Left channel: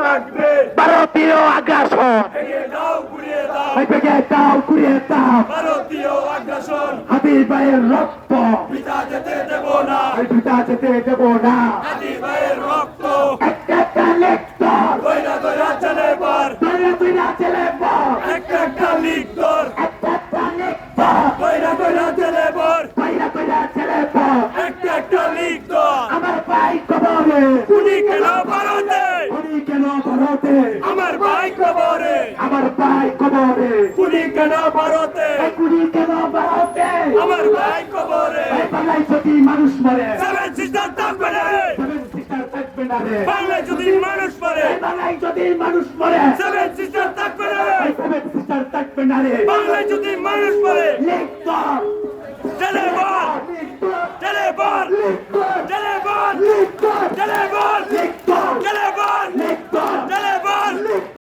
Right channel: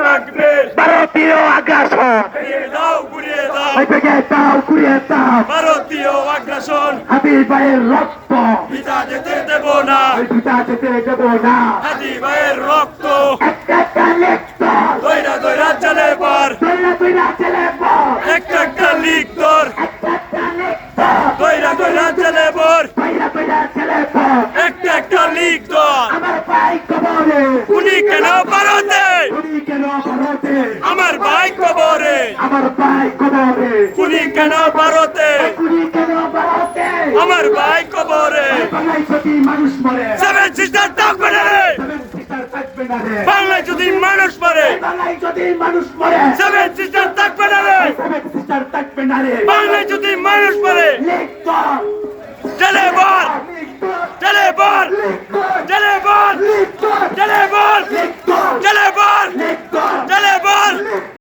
থাকবে ভারতীয় আগ্রাসন ভেঙে দাও গুড়িয়ে দাও ভেঙে দাও কুড়িয়ে দাও ভারতীয় আগ্রাসন হাবিব ভাইয়ের রক্ত পিতা যেতে দেব না পিতা যেতে দেব না হাজি ভাইয়ের রক্ত একটা একটা লেখতর দইরা দইরা চলে পর দইরা দইরা চলে পর একটা একটা লিক তোর একটা একটা লেখতর দইরা দইরা চলে পর দইরা দইরা চলে পর একটা একটা লিক তোর আমার ভাই কবরে উনি কেন ভারতে উনি কেন ভারতে আমার ভাই কবরে আমার ভাই কবরে উনি কেন ভারতে উনি কেন ভারতে আমার ভাই কবরে বাংলায় যদি মানুষ মরে সেভেন সিস্টার থাকবে না রে সেভেন সিস্টার থাকবে না রে বাংলায় যদি মানুষ মরে বাংলায় যদি মানুষ মরে সেভেন সিস্টার থাকবে না রে সেভেন সিস্টার থাকবে না রে বাংলায় যদি মানুষ মরে লেখতর চলে বল চলে বল চলে বল চলে বল চলে বল